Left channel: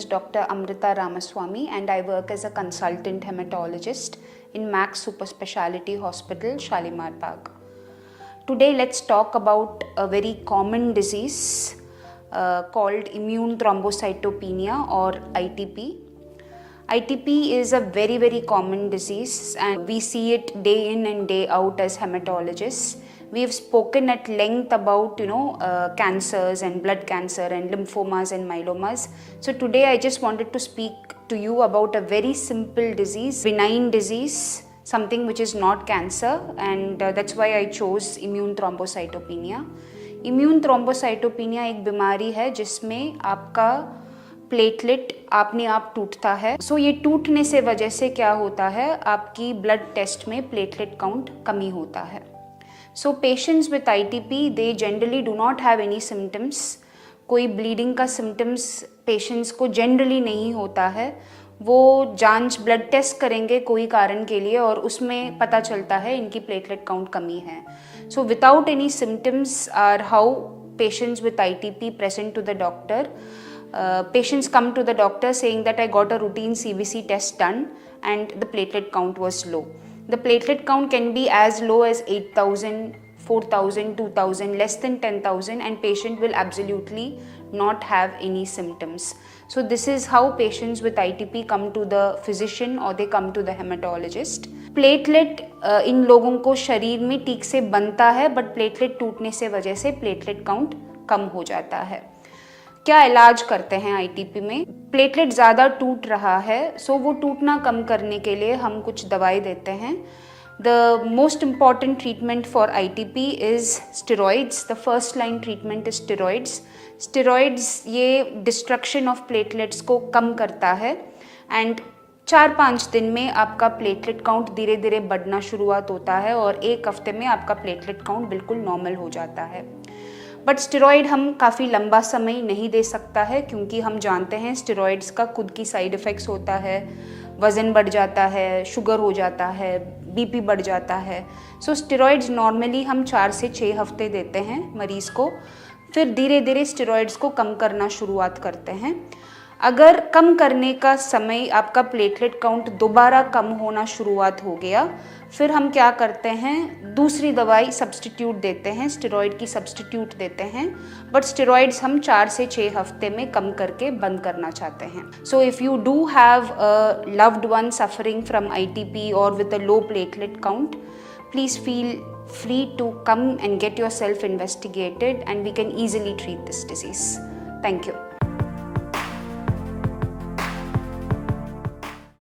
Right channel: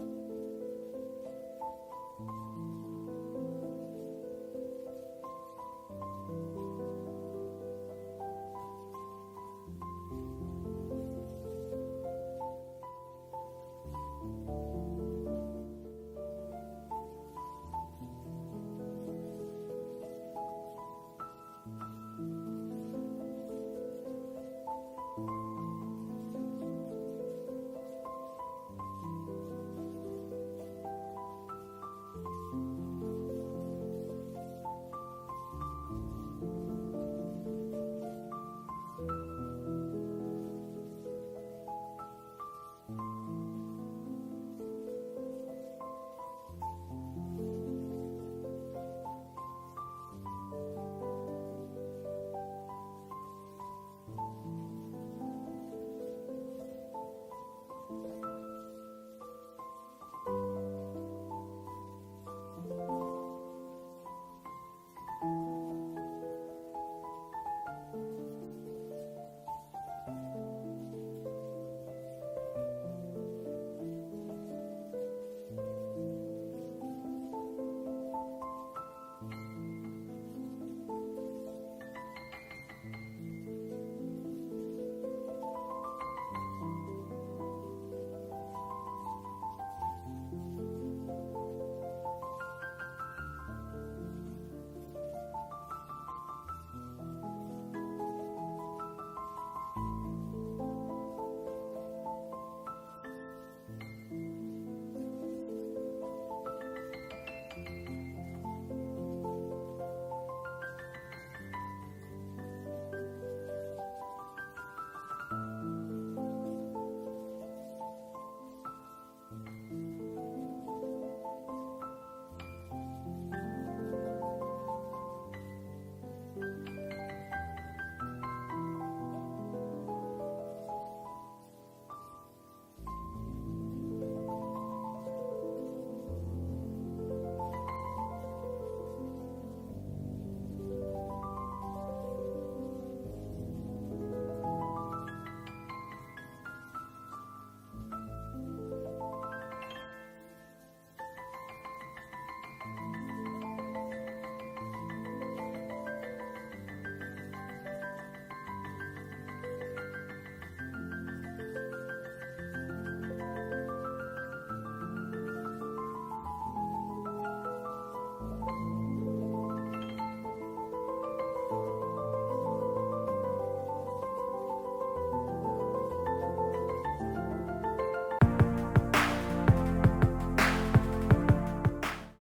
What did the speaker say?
is Dr. Amrita Ramaswamy and I work as a consultant hematologist in Max Super Speciality Hospital, Shalimar Bagh. Today let's talk about a very common disease called immune thrombocytopenia or ITP. ITP is a very common disease and we see it day in and day out as hematologists. We have spoken at length about cancers and blood cancer and lymphomas and myelomas. So today I just wanted to speak to you about a very simple disease, benign disease, something which is not cancer, and that's why I chose immune thrombocytopenia. Immune thrombocytopenia एक बीमारी है जिसमें आपका platelet अपने आप टूटता है. सो ये टूटने से वजह से क्या होता है, आपकी ब्लड टेस्ट में प्लेटलेट काउंट कमी होता है. So patients with ITP they generally do not have any symptoms. कोई ब्लीडिंग का सिम्टम्स पेशेंट्स को जनरली नहीं होता है. वो जांच ब्लड टेस्ट करेंगे कोई कारण के लिए और उसमें पता चलता है इनकी प्लेटलेट काउंट कमी है. So without any symptoms are how patients with ITP present to the doctor. Patients come to the doctor saying that I got a routine CBC test done and the platelet count was low. The platelet count can be as low as 8,000, 4,000, 2,000, less than 10,000, and patient will absolutely not have any symptoms. So this is how patients with ITP come to the physician or they come to the hematologist. Platelet इन लोगों को शरीर में ठीक से बनता है but platelet टूटने से वजह से प्लेटलेट काउंट कम हो जाता है. क्या इलाज करते हैं आईटीपी में? प्लेटलेट ज़्यादा टूट रहा है सो वो टूटना कम करने के लिए हम कुछ दवाई देते हैं. The most important treatment for ITP is steroids. The first line treatment is steroids. Steroids ये डिस्ट्रक्शन ऑफ प्लेटलेट्स को कम करता है एंड 4-5 दिन में आपका प्लेटलेट काउंट धीरे धीरे बढ़ना शुरुआत होता है और 1 हफ्ते में आपका प्लेटलेट काउंट बिल्कुल नॉर्मल हो जाता है. बट स्टेरॉइड हम काफ़ी लंबा समय नहीं दे सकता है क्योंकि हम जानते हैं स्टेरॉइड्स का खुद की साइड इफ़ेक्ट्स होता है. वज़न बढ़ जाता है, शुगर हो जाता है, बीपी बढ़ जाता है. सो स्टेरॉइड्स नॉर्मली हम 4 से 6 हफ्ते देते हैं मरीज़ को, फिर धीरे धीरे स्टेरॉइड्स को कम करना शुरुआत करते हैं. अगर कम करने का समय आपका प्लेटलेट काउंट दोबारा कम होना शुरुआत हो गया, फिर हम क्या करते हैं, दूसरी दवाई सब्स्टिट्यूट देते हैं, स्टेरॉइड की सब्स्टिट्यूट देते हैं. बट स्टेरॉइड्स हम 4 से 6 हफ्ते में कम करके बंद करना चाहते हैं. So if you do have a loved one suffering from ITP और with a low platelet count, please feel free to come and get yourself investigated and we can easily treat this disease. Thank you.